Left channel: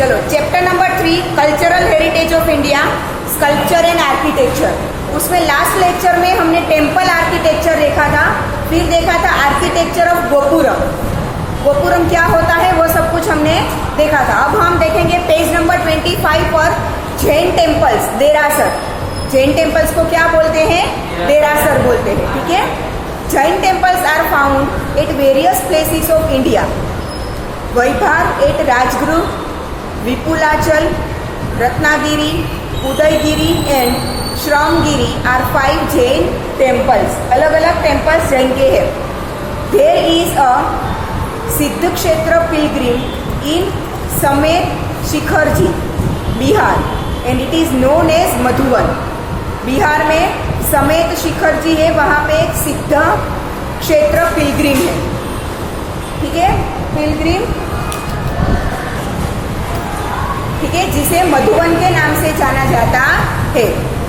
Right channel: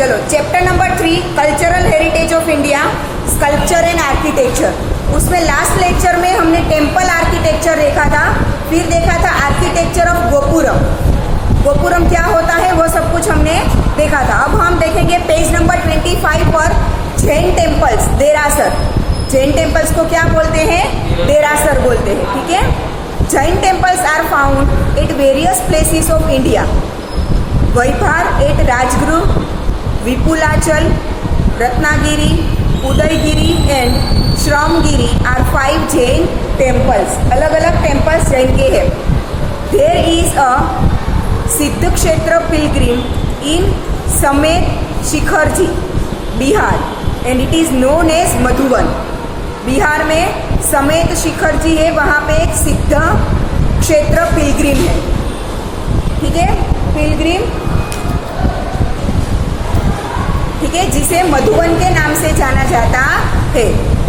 चलो chapter number 3 cultural heritage of India, sculpture and architecture. उसमें last lecture में हमने टेम्पल आर्किटेक्चर देखा था, फिर देखा था आर्किटेक्चर ऑफ गोपुरम। गोपुरम क्या होता है वो सब कुछ हमने देखा था। अब हम देखेंगे पेज नंबर 25 पर जैन टेम्पल्स, देरासर। जैन टेम्पल्स को क्या बोलते हैं? देरासर बोलते हैं। ठीक है, Jain temples are found at various places of India. Vaibhar at Rajgriha, Vipulachal, Ratnagiri, Udayagiri and Shramagiri are 5 Jain temples. अलग अलग टेम्पल्स जैन के हैं। देयर इज अ सिद्ध क्षेत्र pilgrim in Sammed Shikharji, Bihar, and it is known as Madhuban. Bihar में समेत शिखरजी है, वहां पे एक सिद्ध क्षेत्र पिलग्रिम है। ठीक है, पिलग्रिम, ठीक है, जिसे मधुवन के नाम से जाना जाता है।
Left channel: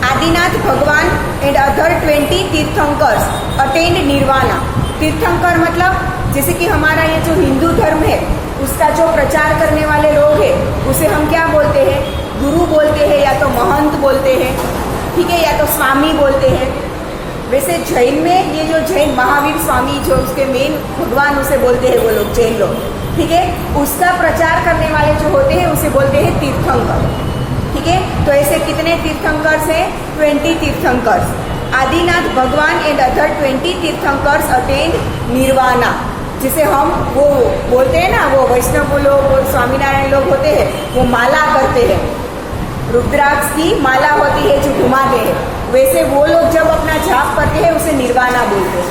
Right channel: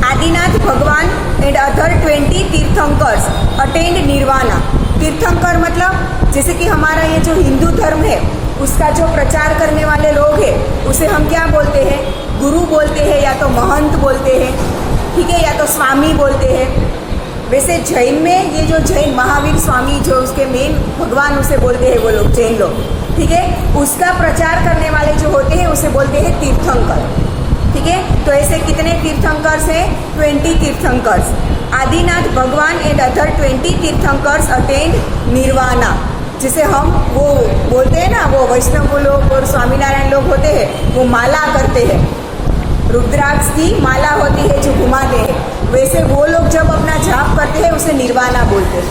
आदिनाथ भगवान and other 20 tirthankaras attend nirvana. तीर्थंकर मतलब जैसे कि हमारा ये जो हिंदू धर्म है उसका जो प्रचार करने वाले लोग हैं उसे हम क्या बोलते हैं? गुरु बोलते हैं, या तो महंत बोलते हैं, ठीक है, या तो स्वामी बोलते हैं। वैसे जैन में ये जो जैन महावीर स्वामी जो उसके मेन भगवान उसे बोलते हैं वो लोग, जैन लोग, ठीक है, उसका प्रचार करने वाले जो होते हैं उसे बोलते हैं तीर्थंकर। ठीक है, तो ऐसे कितने तीर्थंकर्स हैं? 20 तीर्थंकर्स। आदिनाथ भगवान and other 20 tirthankaras attend nirvana, जिसे हम वो बोलते हैं ना, वो वैष्णव लोग और स्वामीनारायण लोग होते हैं, वो माला करते हैं, रुद्राक्ष की माला होती है जो घुमाते हैं, वैसे वो लोग जब अपना जाप करते हैं उसे निर्वाणा बोलते हैं।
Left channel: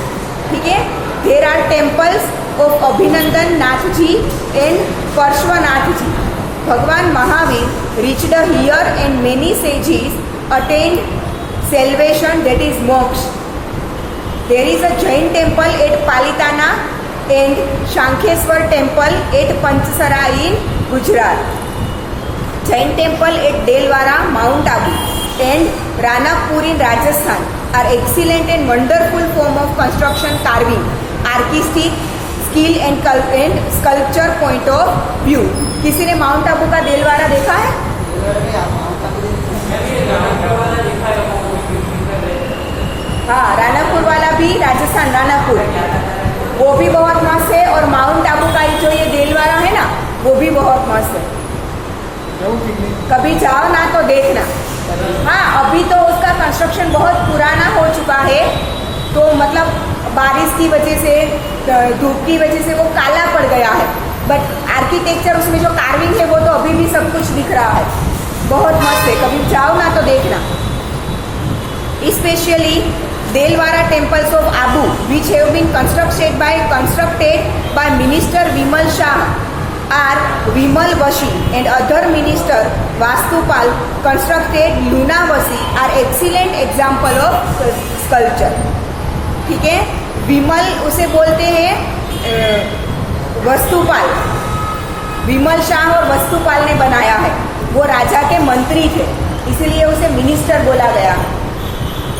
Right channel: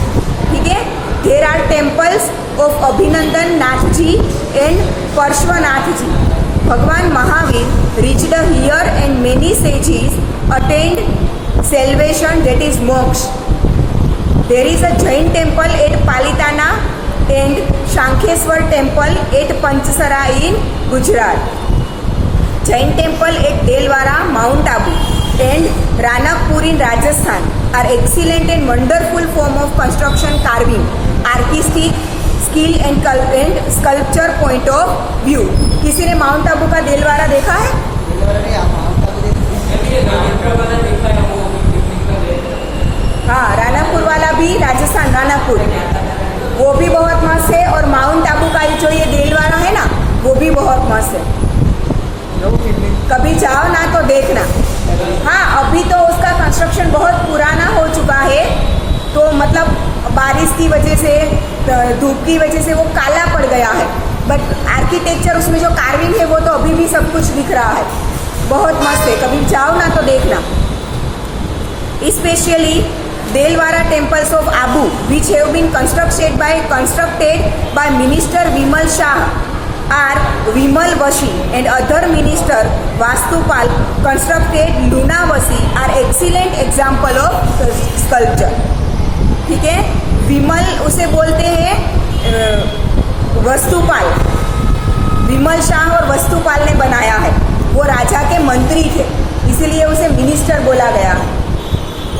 ठीक है, देयर आर टेम्पल्स ऑफ अभिनंदन नाथ जी एंड पार्श्वनाथ जी। भगवान Mahavir reached here and many sages attained salvation, that is moksha. There is a Jain temple at Palitana and Shankheswar temple at Panchsara in Gujarat. Jain temple at Delwara, Mount Abu and Ranakpur in Rajasthan are excellent and wonderful form of construction carving, artistic skill and sculpture point of view. किसी ने mount Abu का देलवाड़ा देखा है? हाँ, रानापुर वाला भी, राजस्थान रानापुर, वो भी बहुत मस्त है। और माउंट आबू का जो ये देलवाड़ा है ना, वो भी बहुत मस्त है। कभी जाओ ना तो देखना। हाँ, अभी तो उसका कंस्ट्रक्शन बहुत पुराना हो चुका है, तो मतलब बारिश की वजह से, धूप की वजह से वो काला पड़ गया है, बट आर्किटेक्चर उसमें जो कार्विंग है वो तो अभी भी सब कुछ दिख रहा है, बहुत मस्त है। कभी जाओ ना तो देखना। Specially Dilwara temples of Abu which have been constructed by minister Vimal Shah are Vimal Vasahi and other minister Vastupal constructed Lunavasahi are excellent example of sculpture. ठीक है, विमल उसे बोलते हैं वस्तुपाल, विमल शाह और वस्तुपाल ने बनाया है। वो राजा के मंत्री थे, इसलिए उसे मिनिस्टर बोला गया।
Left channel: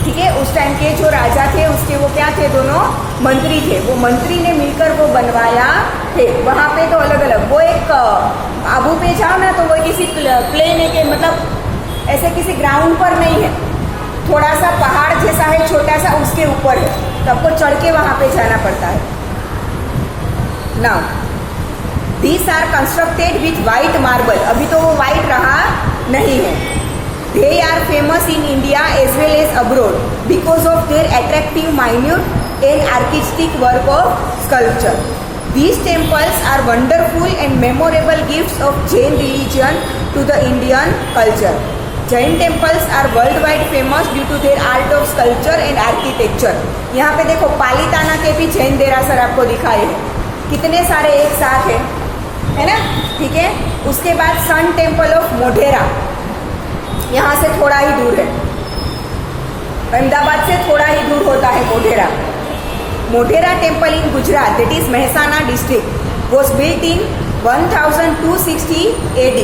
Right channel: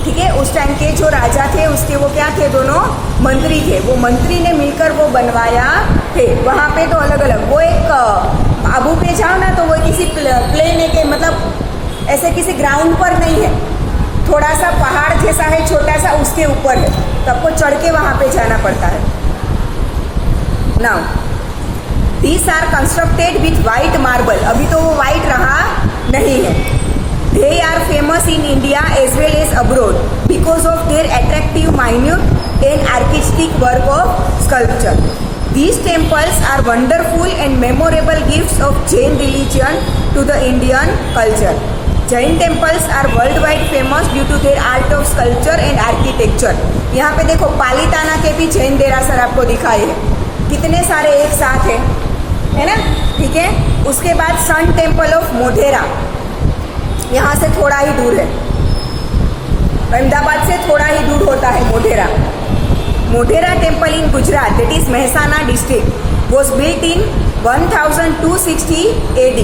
ठीक है, उस टाइम के जो राजा थे उसके वो क्या थे? दोनों मंत्री थे। वो मंत्री ने मिलकर वो बनवाया थे। वहां पे तो अलग अलग, वो एक आबू पे जाओ ना तो वो किसी प्लेन है के, मतलब ऐसे किसी ग्राउंड पर नहीं है, थोड़ा सा पहाड़ जैसा है, छोटा सा, उसके ऊपर है, तो आपको चढ़ के वहां पे जाना पड़ता है। Now these are constructed with white marble. अभी तो वो व्हाइट रहा नहीं है। They are famous in India as well as abroad because of their attractive, minute and artistic work of sculpture. These temples are wonderful and memorable gifts of Jain religion to the Indian culture. Jain temples are worldwide famous due to their art of sculpture and architecture. यहाँ पे देखो पालीताना के भी जैन देरासर आपको दिखाए हैं, कितने सारे एक साथ है ना? ठीक है, उसके बाद सन टेम्पल ऑफ मोढेरा, यहाँ से थोड़ा ही दूर है, अहमदाबाद से थोड़ा ही दूर होता है Modhera. Modhera temple in Gujarat, that is Mehsana district, was built in 1260 AD,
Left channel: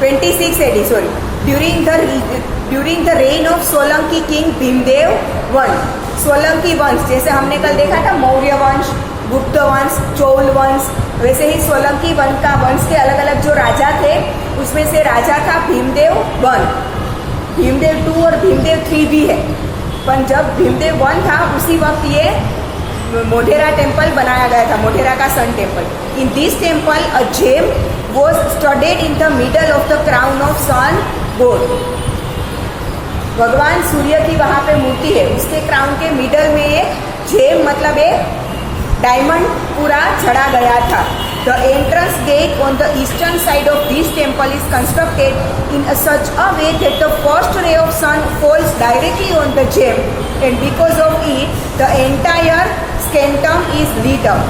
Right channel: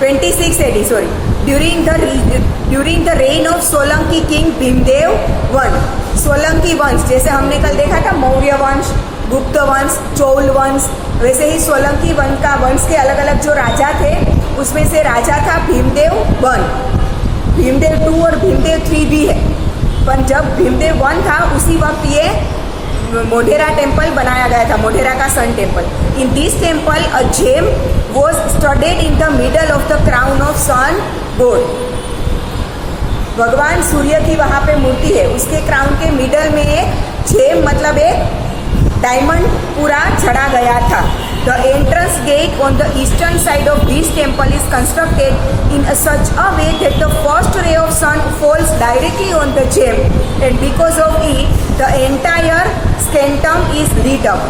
26 AD, sorry, during the reign of Solanki king Bhimdev वंश। सोलंकी वंश जैसे हमने कल देखा था, मौर्य वंश, गुप्त वंश, चोल वंश, वैसे ही सोलंकी वंश के अलग अलग जो राजा थे उसमें से राजा था भीमदेव 1, भीमदेव 2 और भीमदेव 3 भी है। पर जब भीमदेव 1 था उसी वक्त ये मोढेरा टेम्पल बनाया गया था, मोढेरा का sun temple. In this temple a gem was studded in the middle of the crown of sun god. भगवान सूर्य की वहां पे मूर्ति है, उसके क्राउन के मिडल में एक जेम मतलब एक डायमंड पूरा चढ़ा गया था। The entrance gate on the eastern side of this temple is constructed in such a way that the first ray of sun falls directly on the gem and because of it the entire sanctum is lit up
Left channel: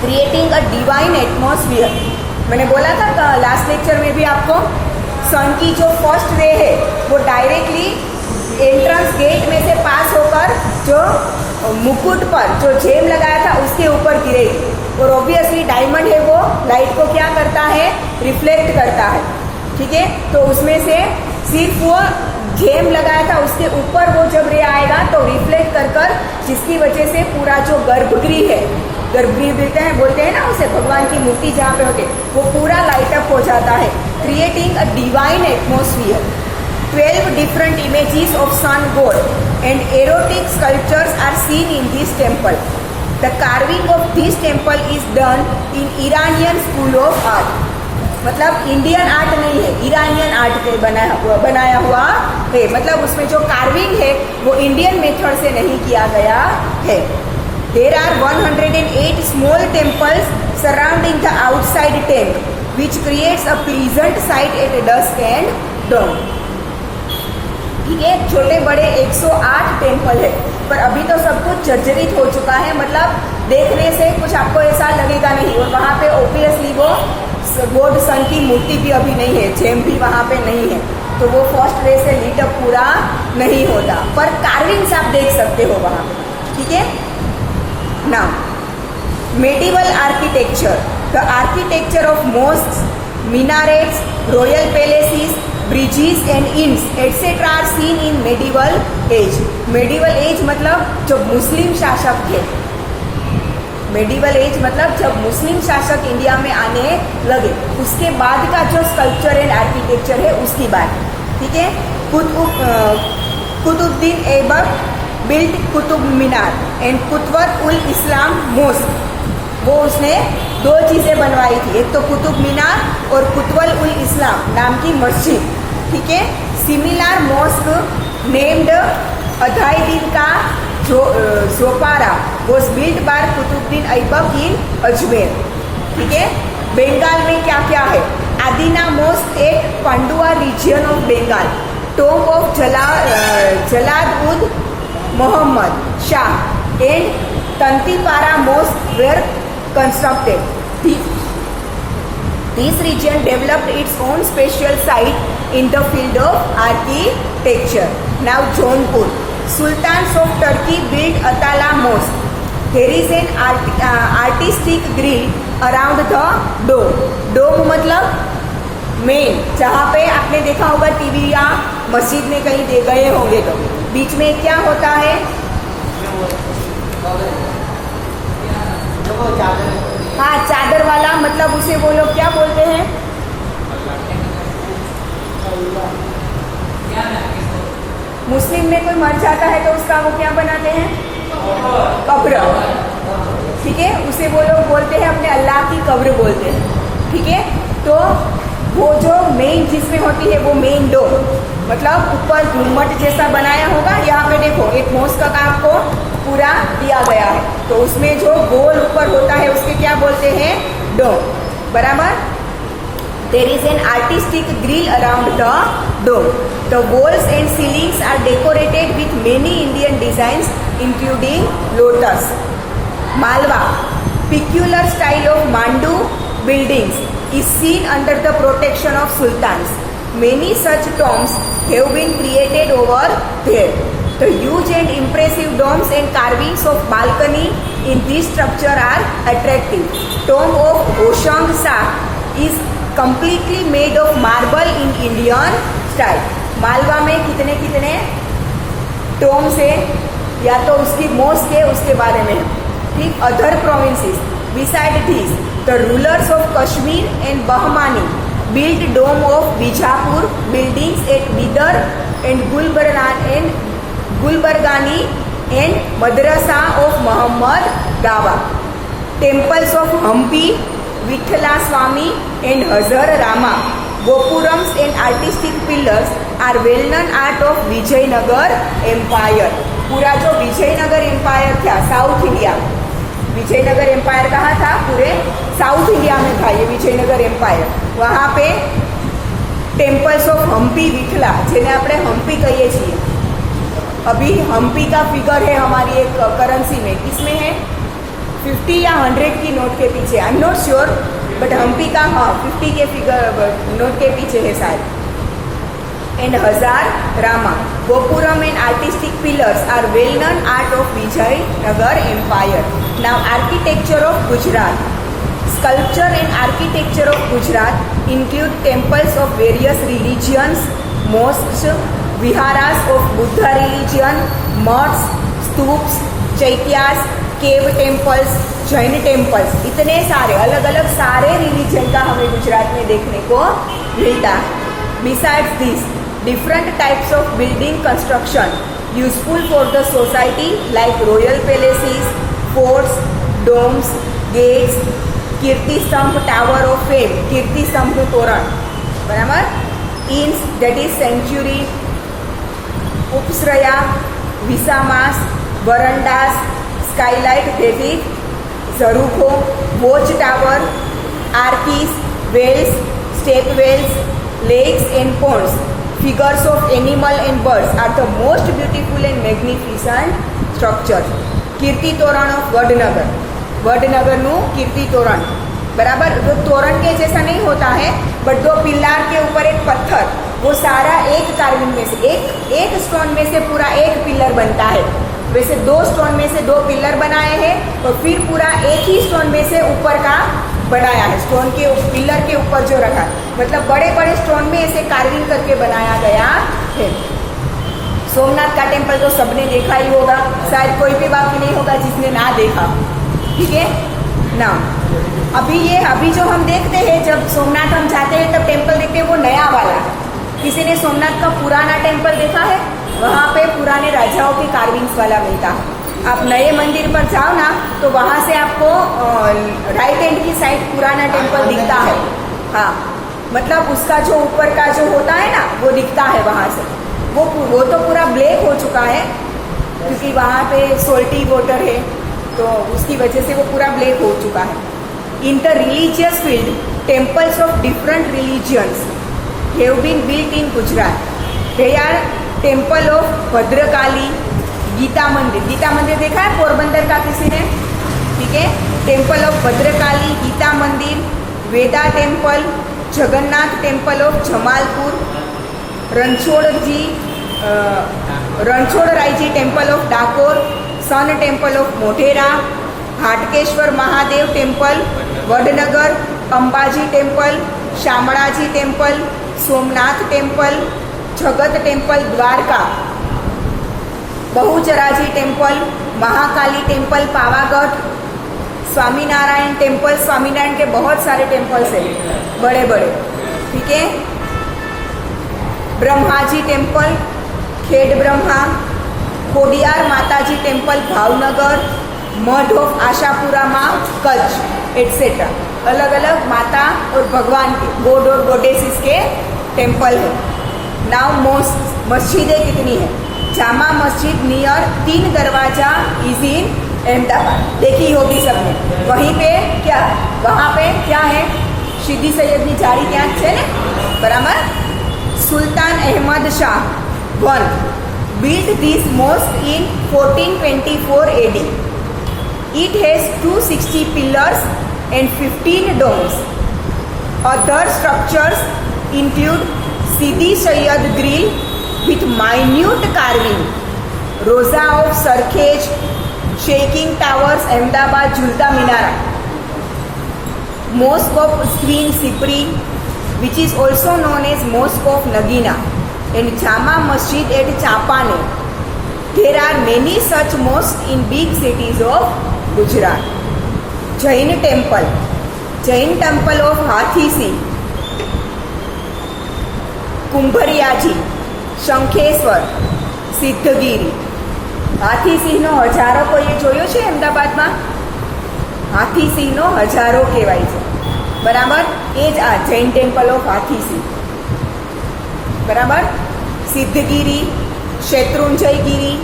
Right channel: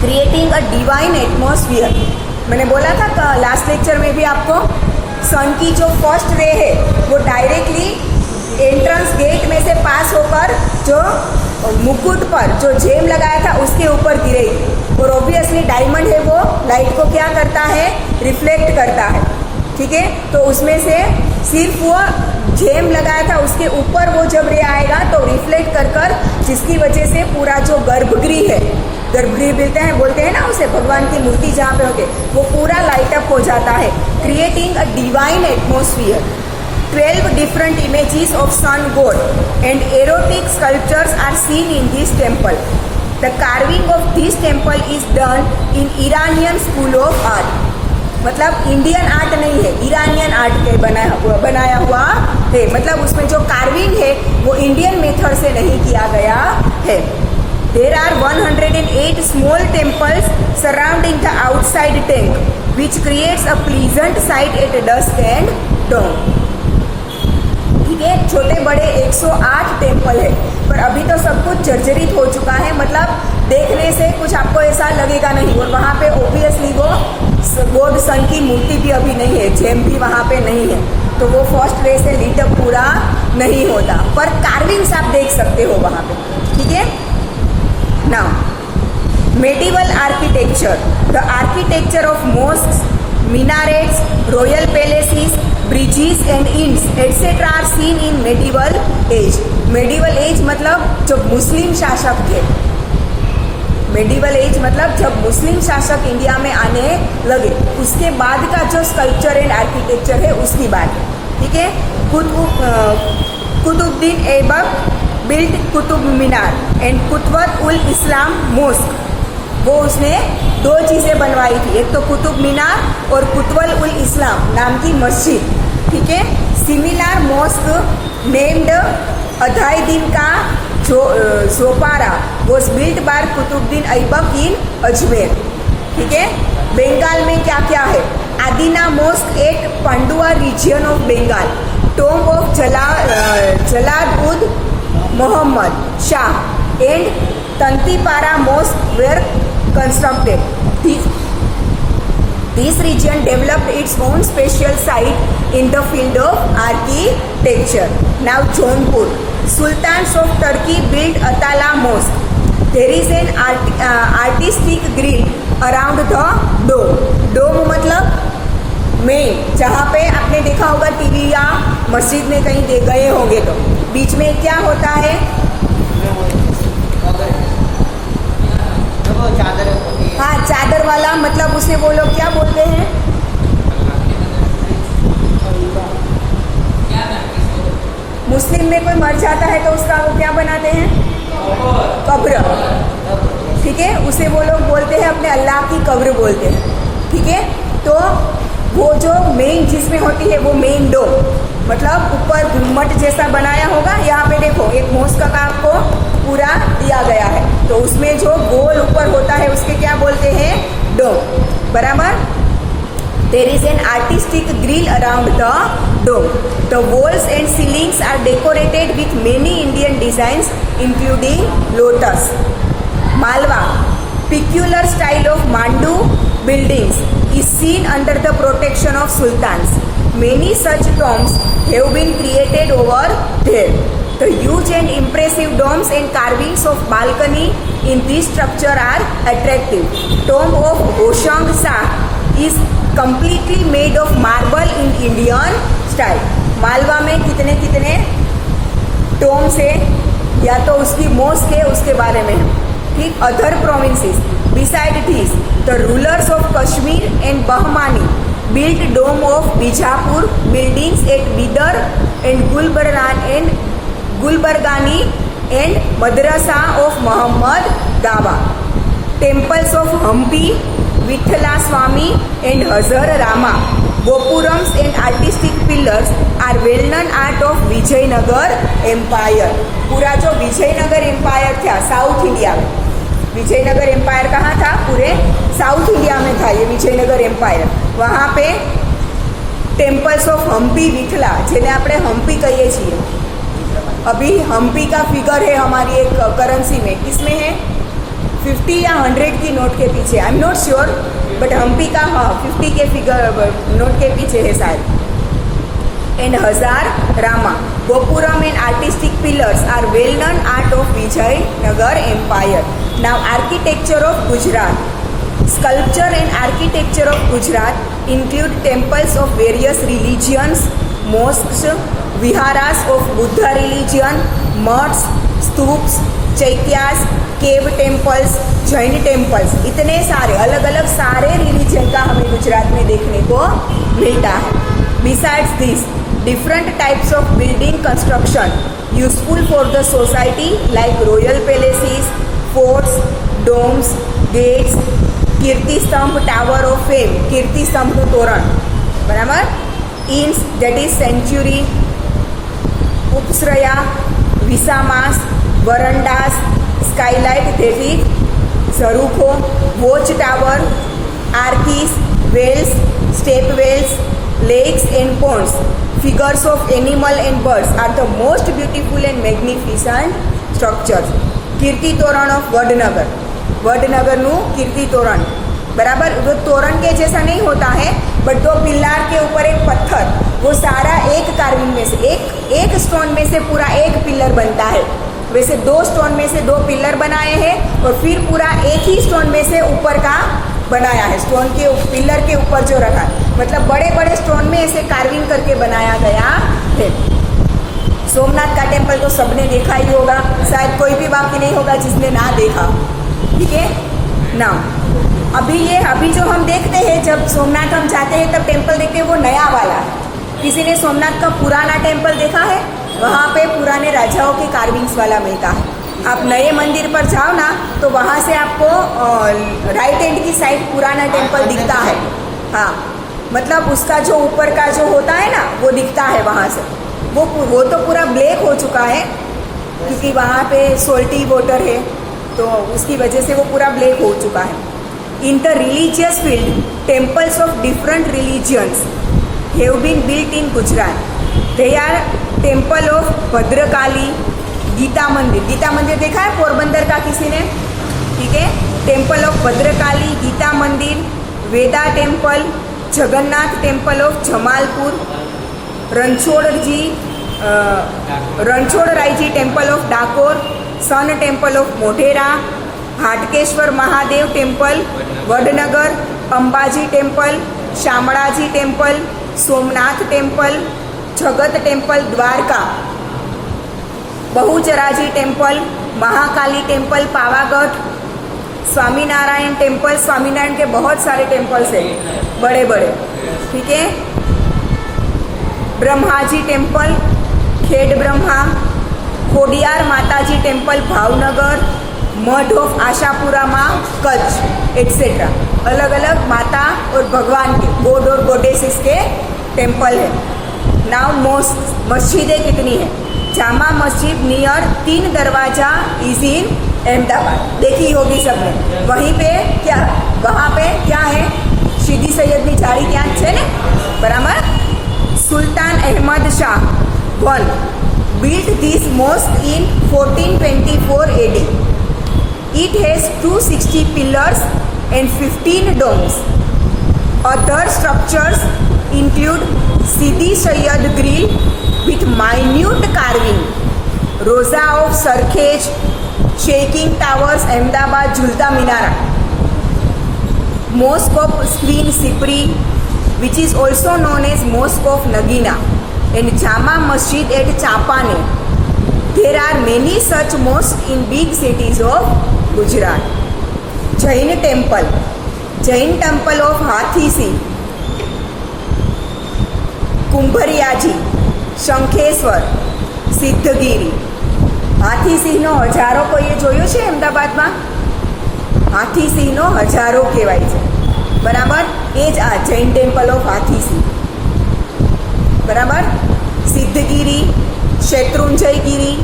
creating a divine atmosphere. मैंने बोला था last lecture में भी आपको, सन की जो first ray है वो डायरेक्टली एंट्रेंस गेट में से पास होकर जो मुकुट पर जो जेम लगाया था उसके ऊपर गिरेगी। और ऑब्वियसली डायमंड है वो लाइट को क्या करता है, रिफ्लेक्ट करता है, ठीक है। तो उसमें से सिर्फ वो जेम लगाया था उसके ऊपर वो जब रे आएगा तो रिफ्लेक्ट कर जिसकी वजह से पूरा जो गर्भगृह है, गर्भगृह बोलते हैं ना उसे, भगवान की मूर्ति जहाँ पे होते वो पूरा लाइट अप हो जाता है, creating a divine atmosphere. 12 different images of sun god and erotic sculptures are seen in this temple. The carving of this temple is done in Iranian school of art. मतलब Indian art नहीं है, Iranian art पे बनाया हुआ है। मतलब उसमें जो कार्विंग है वो इंडियन मेथड से नहीं किया गया है। There are 108 small temples surrounding the outside tank, which creates a pleasant sight at dusk and dawn. ये छोटे बड़े 108 टेम्पल है, पर अभी तो सब कुछ जर्जरित हो चुका है, मतलब देखने से कुछ आपको ऐसा लगेगा नहीं। और वहाँ पे ऑब्वियसली वो गॉड सन की मूर्ति भी अभी नहीं है, जेम भी वहाँ पे नहीं है, तो वो फर्स्ट वे से लीट अप पूरा नहीं होता, पर कार्विंग्स आप देख सकते हो वहाँ पे, ठीक है। Now medieval architecture, the architecture of mosques, minarettes, royal palaces, bridges and inns etc. are seen in medieval age. medieval age मतलब जब मुस्लिम शासक थे, medieval age मतलब जब मुस्लिम शासक इंडिया में आने लगे उसके बाद का जो स्कल्पचर एंड आर्किटेक्चर है उसकी बात, ठीक है। Qutubuddin Aibak built Qutub Minar and Qutub ul Islam mosque, वो उसने 2 चीजें बनवाई थी, एक तो कुतुब मीनार और कुतुब उल इस्लाम नाम की मस्जिद, ठीक है। सिमिलर मॉस्क नेम्ड अधाईदीन का जोपारा was built by Qutubuddin Aibak इन अजमेर, ठीक है। बंगाल में क्या क्या है, आदिना मॉस्क एक Pandua region of Bengal, tomb of Jalal ud Muhammad Shah and Tantipara mosque were constructed. This region developed its own special site in the field of architecture. Now Jaunpur, Sultans of Turkey built Atala Mosque. There is an artistic grid around the dome. Dome मतलब main, जहाँ पे आपने देखा होगा TV या मस्जिद में कहीं गए होंगे तो बीच में क्या होता है, हाँ चादर वाला, मतलब उसे वो लोग क्या बोलते हैं, मुस्लिम में कोई मर जाता है तो उसका वो क्या बनाते हैं, कब्र, ठीक है। उसे वो लोग बोलते हैं अपने अल्लाह की कब्र बोलते हैं, ठीक है। तो वो जो मेन जिसमें होती है वो मेन डोम, मतलब ऊपर घुम्मट जैसा बनाया होगा। यहाँ पे देखो एक मॉस्क का आपको पूरा दिया गया है, तो उसमें जो गोल ऊपर होता है उसके क्या बोलते हैं, डोम, बराबर। There is an artistic grill around the dome. The walls and ceilings are decorated with many Indian designs, including lotus. Malwa, peculiar style of Mandu buildings, is seen under the protection of sultans. Many such tombs have been created over there. The huge and impressive domes and carvings of balcony in this structure are attractive. Tomb of Hoshang Shah is completely made of marble in Indian style. Malwa में कितने कितने Tombs है, या तो उसकी mask है उसके बारे में, ठीक। Other provinces Beside this, the rulers of Kashmir and Bahmani built dome of Bijapur buildings at Bidar and Gulbargani and Madrasa of Muhammad Dawa. Temples of Hampi, Vithala Swami and Hazar Rama, Gopurams and artistic pillars are well-known art of Vijayanagar Empire. पूरा जो Vijayanagar empire था south India में, Vijayanagar empire कहाँ था? पूरे south India में था ये विजयनगर एम्पायर. वहाँ पे टेम्पल्स ऑफ हम्पी विथला, जिन्हें આપણે हम्पी कहिए છીએ. अभी हम्पी का फिगर है हमारी एक करेंसी में, किसमें है? 50 या 100 की नोट के पीछे, I am not sure, but Hampi का 50 के फिगर नोट के पीछे है शायद. And Hazara Rama, gopuram and artistic pillars are well known art of Vijayanagar empire. Now architecture of Gujarat. Sculpture and architecture of Gujarat include temples of various religions, mosques, viharas of Buddha religion, mosques, stups, chaityas, cave temples, Jain temples. इतने सारे अलग अलग सारे religion का हमें गुजरात में देखने को मिलता है. Besides this, different types of building construction useful for the society like royal palaces, forts, domes, gates, कीर्ति स्तंभ, टावर ऑफ फेम, कीर्ति स्तंभ तोरण, बराबर. इंस, दैट इज सेंचुरी, उपश्रया, विसामास, वरंडास, स्काईलाइट, दैट इज झरूखो, watch tower, arches, wells, step wells, lakes and ponds, figures of animal and birds are the most beautiful and magnificent structures. Kirti Toran of Vadnagar, Vadnagar नु कीर्ति तोरण, बराबर. जो तोरण के जैसा नहीं होता है, बट दो पिल्लार के ऊपर एक पत्थर, वो सारा एक कार्विंग में से एक स्टोन में से पूरा एक पिलर बनता है. वैसे 2 स्टोन में से 2 पिलर बनाए हैं और फिर पूरा एक ही स्टोन में से ऊपर का बनाया है. स्टोन के पिलर के ऊपर जो रखा, मतलब बड़े बड़े स्टोन में ऐसे कार्विंग करके बनाया गया है. सोमनाथ का टेम्पल तो सबने देखा ही होगा, शायद कोई भी बाकी नहीं होगा जिसने ना देखा. ठीक है ना. अभी जो हम देखते हैं, जब सोमनाथ हम जाते हैं तब टेम्पल देखते हैं वो नया वाला. किसी ने सोमनाथ का पुराना टेम्पल देखा है? वहाँ पे पुराने राजाओं के कार्विंग्स वाला मिलता है. आप नए मंदिर पर जाओ ना, तो वहाँ से आपको राइट हैंड की साइड पुराना टेम्पल दिखता है. हाँ, मतलब उसका जो ऊपर का जो होता है ना, वो दिखता है वहाँ से. वो तो पूरा ब्लैक हो चुका है क्योंकि वहाँ पे सोल्टी वाटर है, तो उसकी वजह से वो पूरा ब्लैक हो चुका है. In the religious field, temples of different religions have been built in Gujarat. They are temple of Bhadrakali, Gita Mandir. Gita मंदिर देखा है पोरबंदर का किसी ने? ठीक है. Temple of Bhadrakali, Gita Mandir, Veda temple, Jagannath temple of Jamalpur, Ranchhod Raiji temple of Dakor, sun temple of Modhera, Hatkeshwar Mahadev temple Vadnagar, Ambaji temple, Shamlaji temple, Somnath temple, Jagat temple Dwarka, Bahucharaji temple, Mahakali temple Pavagadh, Swaminarayan temple. Swaminarayan के बहुत सारे टेम्पल्स हैं बड़े बड़े. ठीक है. ब्रह्माजी टेम्पल, खेड ब्रह्मा, खोडियार माताजी टेम्पल भावनगर, मठ ऑफ आशापुरा माँ कच्छ, एटसेट्रा. अलग अलग माता और भगवान के, गॉड और गॉडेसेस के टेम्पल है. नाउ मस्जिदें कितनी है? जामा मस्जिद नियर 3 दरवाजा इज इन अहमदाबाद. देखी होगी सबने. वहीं पे क्या, वहाँ पे क्या है? सीधी सैयदनी जारी क्या है ना, बराबर. सुल्तान Ahmad Shah 1 built this mosque in 1424 AD. It has 260 pillars and 15 domes. Other structures include Sidi Sayyad Grill with minute carving, Rosa of Sarkhej, Shaking Towers, Ahmedabad, Julta Minara, Mosque of Screen Sipri, which is also known as Mosque of Nagina, and Jama Masjid at Chapane. There are many such mosques in big cities of Gujarat. Jain temple of हाथी सिंह, कुंभरियाजी, શંખેશ્વર, સિદ્ધગીરી. હાથીસિંહનો હજારો કોઈએ જોયો છે અમદાવાદમાં? હાથીસિંહનો હજારો કહેવાય છે, બરાબર. એ જ આ જૈન ટેમ્પલ ઓફ હાથીસિંહ, બરાબર. સિદ્ધગીરી, શેત્રુંજયગીરી,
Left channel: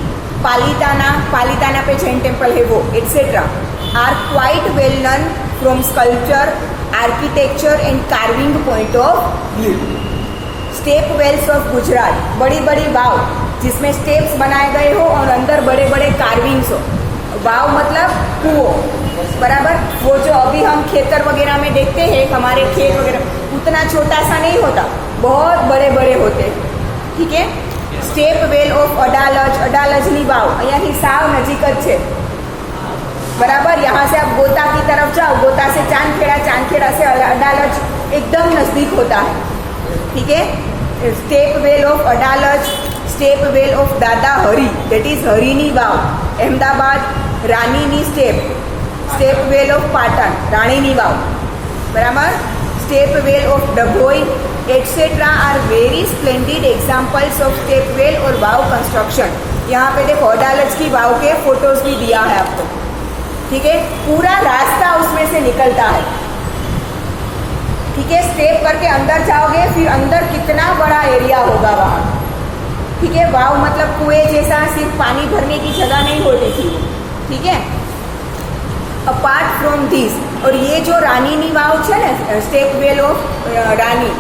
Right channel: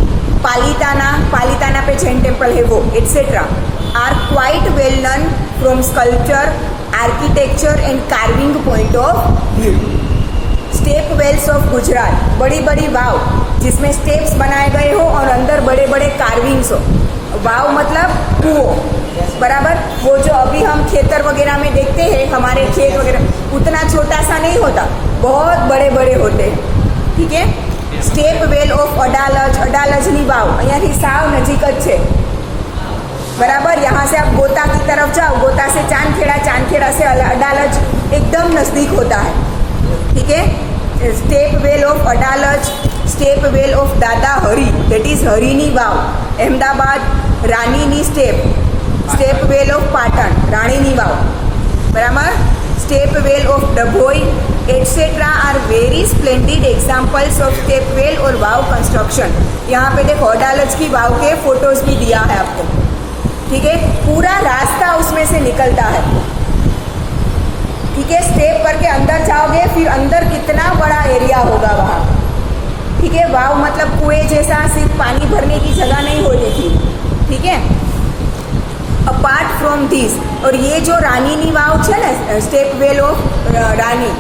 पालिताना पे जैन टेम्पल है वो, etcetera are quite well known from sculpture, architecture and carving point of view. Step wells of Gujarat, बड़ी बड़ी वाव जिसमें स्टेप्स बनाए गए हो और अंदर बड़े बड़े कार्विंग्स हो. वाव मतलब कुओं, बराबर. वो जो अभी हम खेतर वगैरह में देखते हैं, हमारे खेत वगैरह उतना छोटा सा नहीं होता, बहुत बड़े बड़े होते हैं. ठीक है. स्टेप वेल ऑफ अडालजनी वाव અહીંયાથી સાવ નજીક જ છે, बराबर. यहाँ से आप गोता की तरफ जाओ, गोता से चांदखेड़ा से अडालज एकदम नजदीक होता है. ठीक है. Step well of Adalaj, step well of Dada Hari, that is हरीनी वाव, अहमदाबाद. रानीनी स्टेप वेल ऑफ पाटन, राणीनी वाव, बराबर. Step well of Dabhoi etcetera are very splendid examples of step well और वाव कंस्ट्रक्शन. यहाँ पे देखो अडालज की वाव के फोटोज भी दिया है आपको. ठीक है. पूरा रास्ता उसमें से निकलता है. ठीक है. स्टेप करके अंदर जाओगे, फिर अंदर कितना बड़ा एरिया होगा वहाँ. ठीक है. वाव मतलब कुएं जैसा, सिर्फ पानी भरने की जगह नहीं होती थी. ठीक है. अपार्ट फ्रॉम दिस, और ये जो रानीनी वाव है ना, स्टेप वेल ऑफ रानी,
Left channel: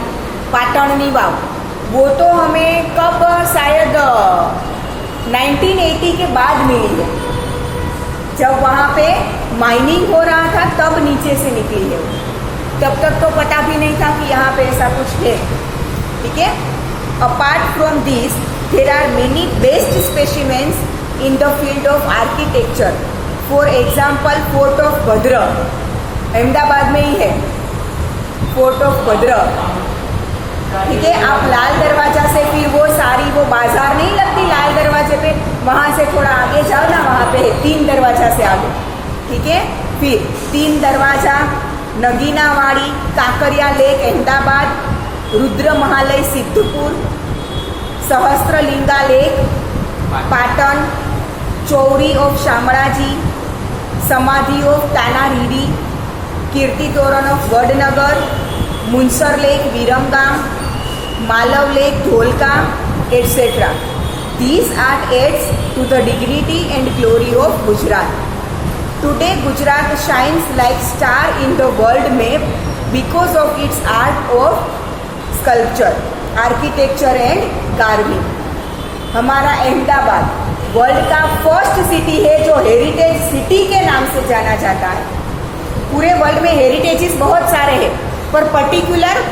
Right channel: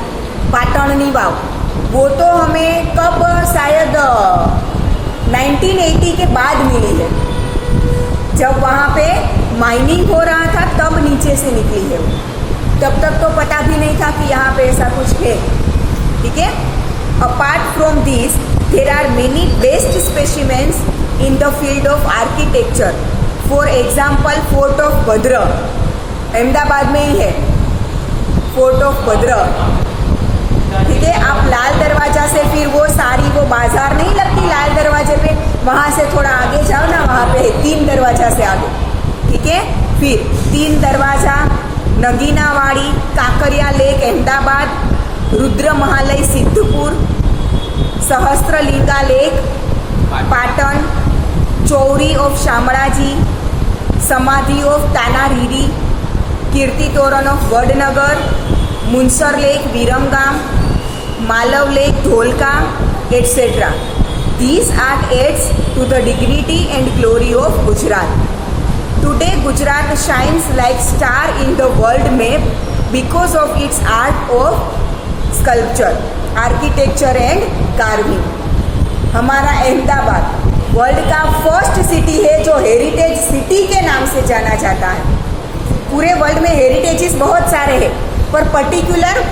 पाटणनी वाव, वो तो हमें कब, शायद 1980 के बाद मिली है. जब वहाँ पे माइनिंग हो रहा था तब नीचे से निकली है वो. तब तक तो पता भी नहीं था कि यहाँ पे ऐसा कुछ है. ठीक है. Apart from this there are many best specimens in the field of architecture. For example fort of Bhadra, Ahmedabad में ही है फोर्ट ऑफ भद्र. ठीक है. आप लाल दरवाजा से फिर वो सारी वो बाजार नहीं लगती लाल दरवाजे पे, वहां से थोड़ा आगे जाओ ना, वहां पे 3 दरवाजा से आगे. ठीक है. फिर 3 Darwaza, Naginawadi, Kankaria lake Ahmedabad, Rudra Mahalaya Siddhpur, Sahastralinga lake Patan, Chauri of Shamlaji, Samadhi of Tanariri, Kirti Toran of Vadnagar, Munsar lake Viramgam, Malav lake Dholka, etcetera. These are adds to the dignity and glory of Gujarat. Today Gujarat shines like star in the world map because of its art of sculpture, architecture and carving. हमारा Ahmedabad world का first city है जो heritage city के नाम से जाना जाता है. पूरे वर्ल्ड में हेरिटेजेस बहुत सारे हैं, पर पर्टिकुलर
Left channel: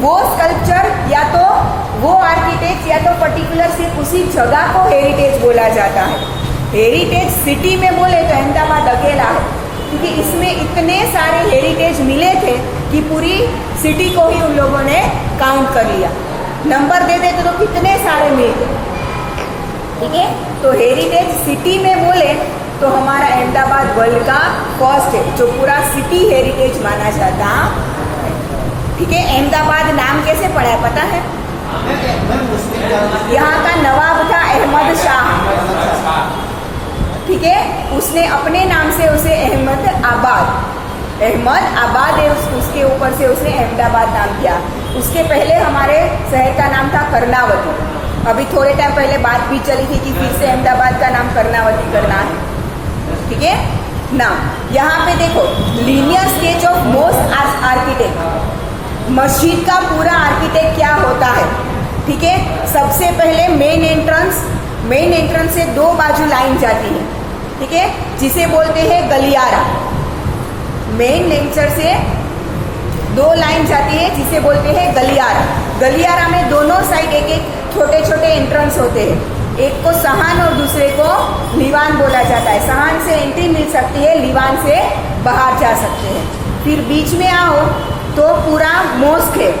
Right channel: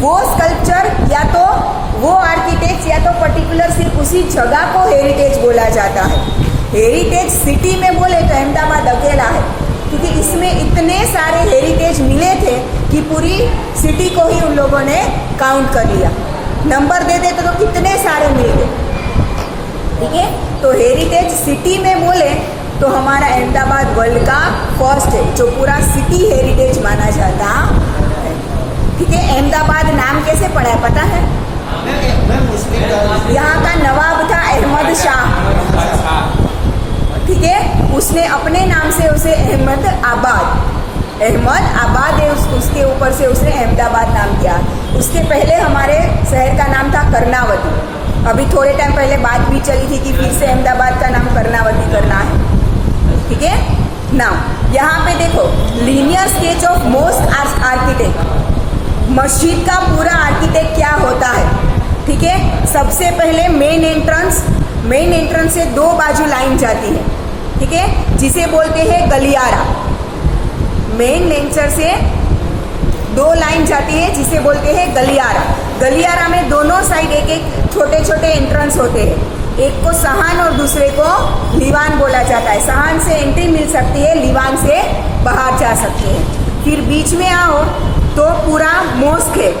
वो स्कल्पचर या तो वो आर्किटेक्ट या तो पर्टिकुलर सिर्फ उसी जगह को हेरिटेज बोला जाता है. हेरिटेज सिटी में बोले तो अहमदाबाद अकेला है, क्योंकि इसमें इतने सारे हेरिटेज मिले थे कि पूरी सिटी को ही उन लोगों ने काउंट कर लिया. नंबर दे देते तो कितने सारे मिल गए. ठीक है. तो हेरिटेज सिटी में बोले तो हमारा अहमदाबाद वर्ल्ड का फर्स्ट है जो पूरा सिटी हेरिटेज माना जाता है. ठीक है. अहमदाबाद नाम कैसे पड़ा है पता है? यहाँ का नवाब था अहमद शाह. ठीक है. उसने अपने नाम से उसे अहमद आबाद है, उसके ऊपर से उसने अहमदाबाद नाम किया. उसके पहले हमारे शहर का नाम था कर्णावती. अभी थोड़े टाइम पहले बात भी चली थी कि फिर से अहमदाबाद का नाम कर्णावती करना है. ठीक है. नाम यहाँ पे देखो, linear sketch of most architect. मस्जिद का पूरा आर्किटेक्ट क्या होता है? ठीक है. सबसे पहले मेन एंट्रेंस से 2 बाजू लाइन जाती है. ठीक है. जिसे बोलते हैं गलियारा. मेन एंट्रेंस से 2 लाइन जाती है जिसे बोलते हैं गलियारा. गलियारा में दोनों साइड एक एक छोटे छोटे एंट्रेंस होते हैं. एक को सहान और दूसरे को लीवान बोला जाता है. सहान से एंट्री मिल सकती है, लीवान से बाहर जा सकते हैं. फिर बीच में आओ तो पूरा मोस्क है.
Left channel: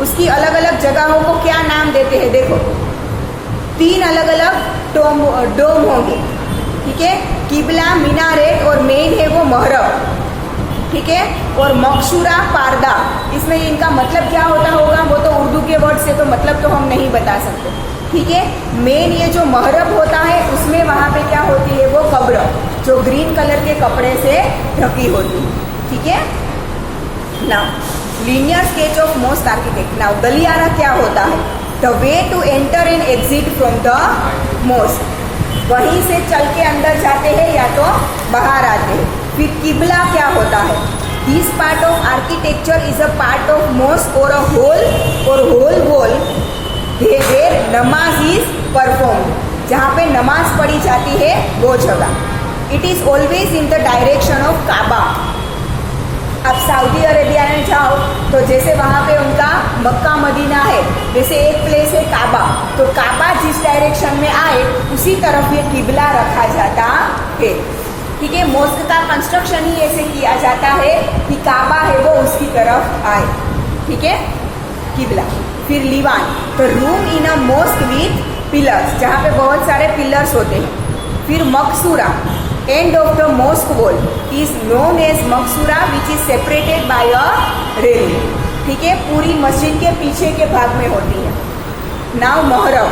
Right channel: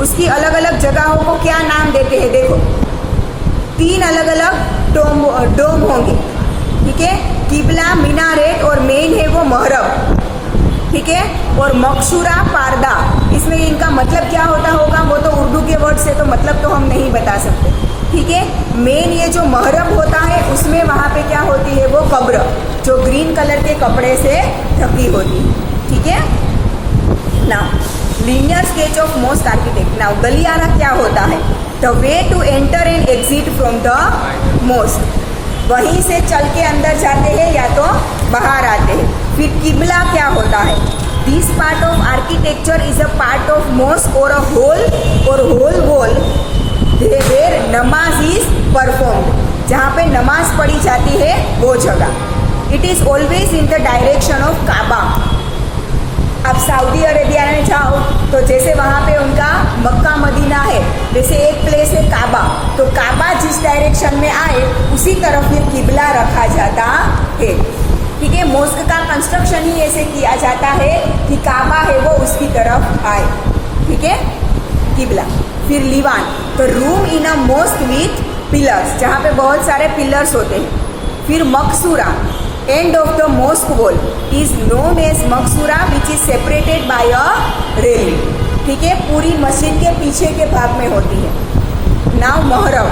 उसकी अलग अलग जगहों को क्या नाम देते हैं देखो. 3 अलग अलग डोम होंगे. ठीक है. किबला, मीनारेट और मेन है वो महरब. ठीक है। और मकसूरा पारदा, इसमें इनका मतलब क्या होता होगा वो तो उर्दू के वर्ड से तो मतलब तो हम नहीं बता सकते, ठीक है। मेन ये जो महरब होता है उसमें वहाँ पे क्या होती है वो कब्र, जो ग्रीन कलर के कपड़े से ढकी होती है, ठीक है। Now linear sketch of mosque architect. Now गलियारा क्या होता है? The way to enter and exit from the mosque, वहीं से चल के अंदर जाते हैं या तो बाहर आते हैं। फिर किबला क्या होता है? This part of architecture is a part of mosque और a whole wall where namaz is performed, जहाँ पे नमाज पढ़ी जाती है वो जगह। It is always in the direction of Kaaba. अब सऊदी अरेबिया में जाओ तो जैसे वहाँ पे उनका मक्का मदीना है, जैसे एक प्लेस है काबा, तो काबा जिस डायरेक्शन में आए उसी तरफ ये किबला रखा जाता है, ठीक है। मोस्क का कंस्ट्रक्शन ही ऐसे किया जाता है कि काबा है वो उसकी तरफ आए, ठीक है, किबला। फिर लीवान, तो room in a mosque with pillars, जहाँ पे बहुत सारे पिलर्स होते हैं। फिर मकसूरा, end of the mosque wall is known as मकसूरा which is separated by a railing, ठीक है, पूरी मस्जिद के पीछे के भाग में होती है। नाउ महरब,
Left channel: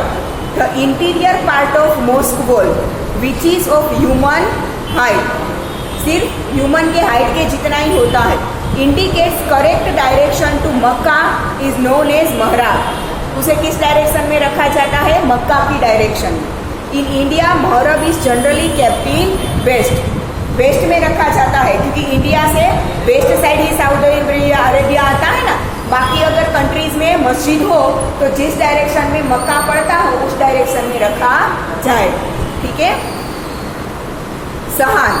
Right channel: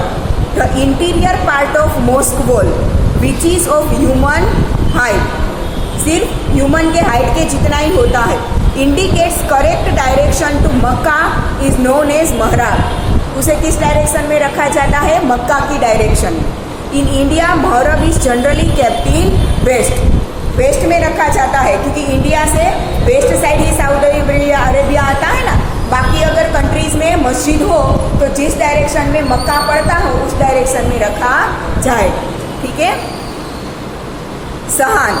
the interior part of mosque wall which is of human height, सिर्फ ह्यूमन के हाइट के जितना ही होता है, indicates correct direction to Mecca is known as महराब। उसे किस डायरेक्शन में रखा जाता है? मक्का की डायरेक्शन में। इन इंडिया महरब is generally kept in west में रखा जाता है, क्योंकि इंडिया से वेस्ट साइड ही सऊदी अरेबिया आता है ना। बाकी अगर कंट्रीज में मस्जिद हो तो जिस डायरेक्शन में मक्का पड़ता हो उस डायरेक्शन में रखा जाए, ठीक है। सहान,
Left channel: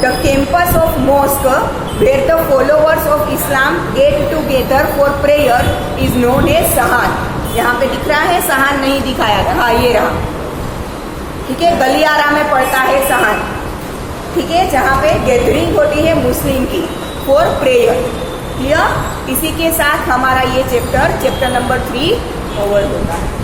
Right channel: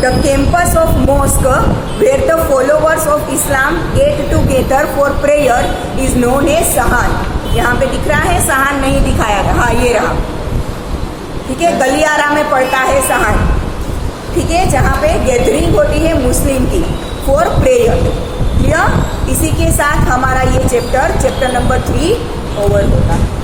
the campus of mosque where the followers of Islam get together for prayer is known as सहान। यहाँ पे दिख रहा है, सहान नहीं दिखाया गया, हाँ ये रहा, ठीक है। गलियारा में पड़ता है सहान, ठीक है, जहाँ पे गैदरिंग होती है मुस्लिम की फॉर प्रेयर, क्लियर। इसी के साथ हमारा ये चैप्टर नंबर 3 ओवर होता है।